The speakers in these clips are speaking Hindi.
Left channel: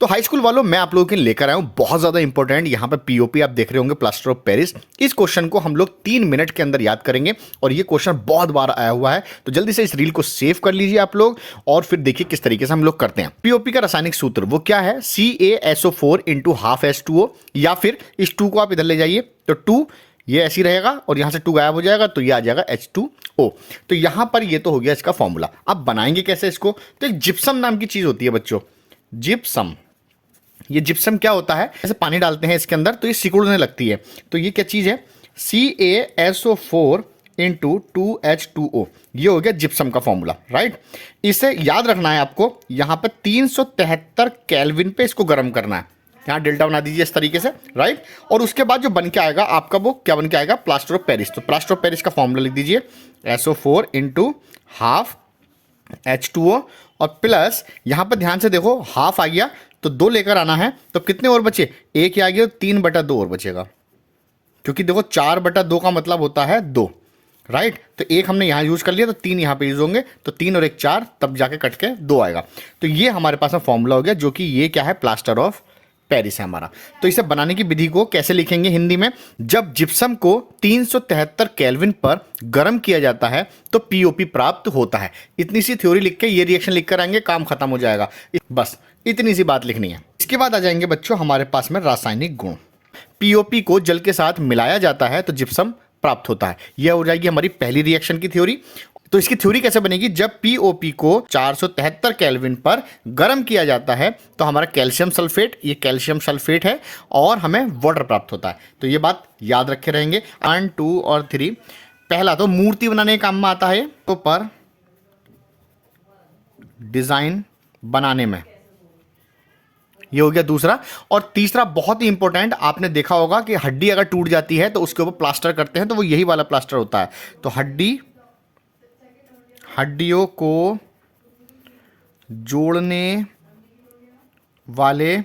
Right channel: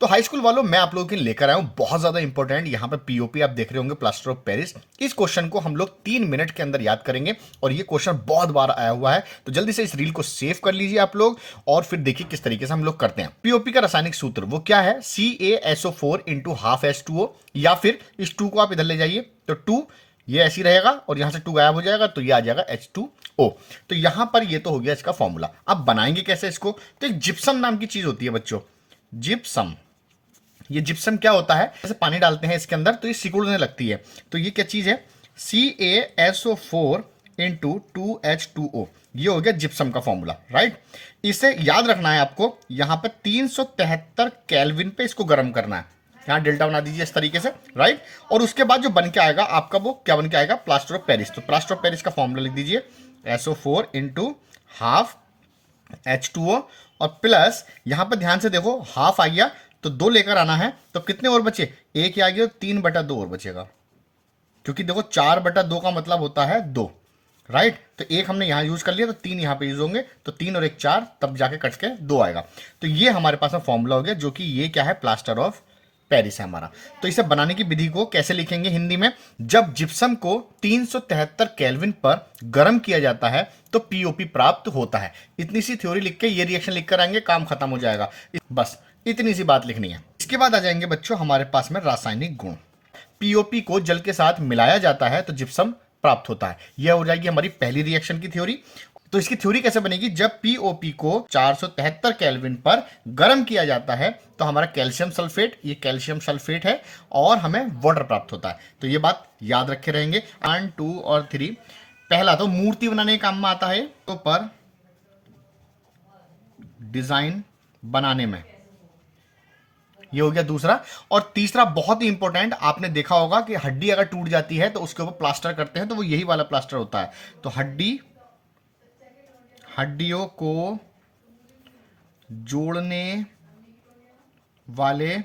तो हाई स्कूल वालों, मैं आप लोगों के लिए लेकर आया हूं बहुत ज्यादा इंपॉर्टेंट, यहाँ पे पीओपी आप देख रहे होंगे, प्लास्टर ऑफ पेरिस। इस क्वेश्चन को हम लोग 3 मिनट के अंदर याद करेंगे और ये क्वेश्चन बहुत बार आया हुआ है, तो जल्दी से इस रील को सेव कर लीजिए आप लोग और फिर देखिए किस तरीके से हम लोग करते हैं। पीओपी का रासायनिक सूत्र वो क्या है, CaSO4 इंटू हाफ H2O, या फिर इस 2 को आप इधर ले जाइए तो 2 ये ऐसी रहेगा और यहां से 2 गायब हो जाएगा तो ये आ जाएगा H2O। तो यहां पर ये तो हो गया इसका फॉर्मूला। अब बनाएंगे कैसे इसको, तो एक जिप्सम नाम की चीज होती है बच्चों, जिप्सम। ये जिप्सम क्या होता है, जैसे पानी डालते हैं इसके अंदर तो ये सिकुड़ने लगती है, तो ये क्या चीज है, CaSO4 इंटू 2H2O, ये हो गया जिप्सम का फॉर्मूला, राइट। इसे याद रखना है आपको, यहां पर 373 केल्विन पे इसको गर्म करना है, यहाँ डेल्टा बना दीजिए इस तरीके से, राइट। और उसके बाद जो बन के आएगा आपका, वो क्या बन के आएगा, प्लास्टर ऑफ पेरिस। तो प्लास्टर ऑफ पेरिस का फॉर्मूला लिख दीजिए, SO4 इंटू हाफ H2O और प्लस, यहां पर ध्यान से देखो हाफ आ गया तो 2 लेकर आना है, तो कितने और बचे, 1 आ गया, 3/2 और बचेगा, क्योंकि देखो 4/2 का मतलब होता है 2, राइट। तो 1 हमने यहां यूज कर लिया तो 3 यहां पे यूज होंगे, तो 3 और 1 4, तब जाके कट के 2 आएगा। तो ये हमारे पास में फॉर्मूला हो गया, जो कि ये क्या है, प्लास्टर ऑफ पेरिस है हमारा। तो इसे बनाने की विधि को कैसे लिखेंगे हिंदी में, जब जिप्सम को 373 केल्विन पर गर्म किया जाता है तो पीओपी प्राप्त होता है। इतनी सी थ्योरी लिख के ये रिएक्शन लिख कर आएंगे, काम खत्म हो जाएगा, बस इतनी सी बात लिखनी है। इसके बाद आ जाएंगे बच्चों हमारे पास में रासायनिक गुण। पीओपी को जल के साथ मिलाया जाता है तो जिप्सम प्राप्त होता है। यह हो जाएगी हमारी पहली रिएक्शन की थ्योरी। तो इसकी थ्योरी कैसे बनेगी, जब पीओपी को 473 केल्विन पर गर्म किया जाता है तो हमारा कैल्शियम सल्फेट, ये कैल्शियम सल्फेट है और हमें वाटर प्राप्त होता है। तो ये बात याद रखे रहेंगे। 1 2 और 3, पहला तो मूर्ति बनाने के काम में आता है, तो पर डिजाइन बनाने में, ये हो गया दूसरा। और तीसरा बहुत ही इंपॉर्टेंट, आपने देखा होगा कि हड्डी अगर टूट जाती है तो उसके ऊपर प्लास्टर करते हैं, तो वो यही वाला प्लास्टर होता है। तो हड्डियों को जोड़ने वाले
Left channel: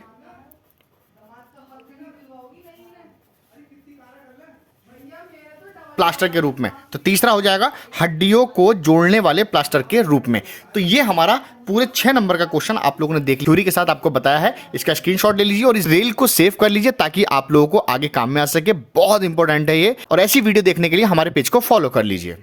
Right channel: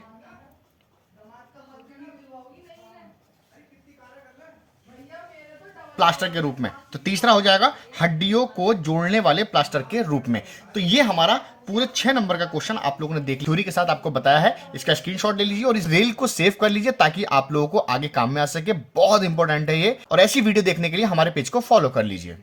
प्लास्टर के रूप में, तो तीसरा हो जाएगा हड्डियों को जोड़ने वाले प्लास्टर के रूप में। तो ये हमारा पूरे 6 नंबर का क्वेश्चन आप लोगों ने देख थ्योरी के साथ आपको बताया है। इसका स्क्रीनशॉट ले लीजिए और इस रील को सेव कर लीजिए ताकि आप लोगों को आगे काम में आ सके। बहुत इंपॉर्टेंट है ये, और ऐसी वीडियो देखने के लिए हमारे पेज को फॉलो कर लीजिए।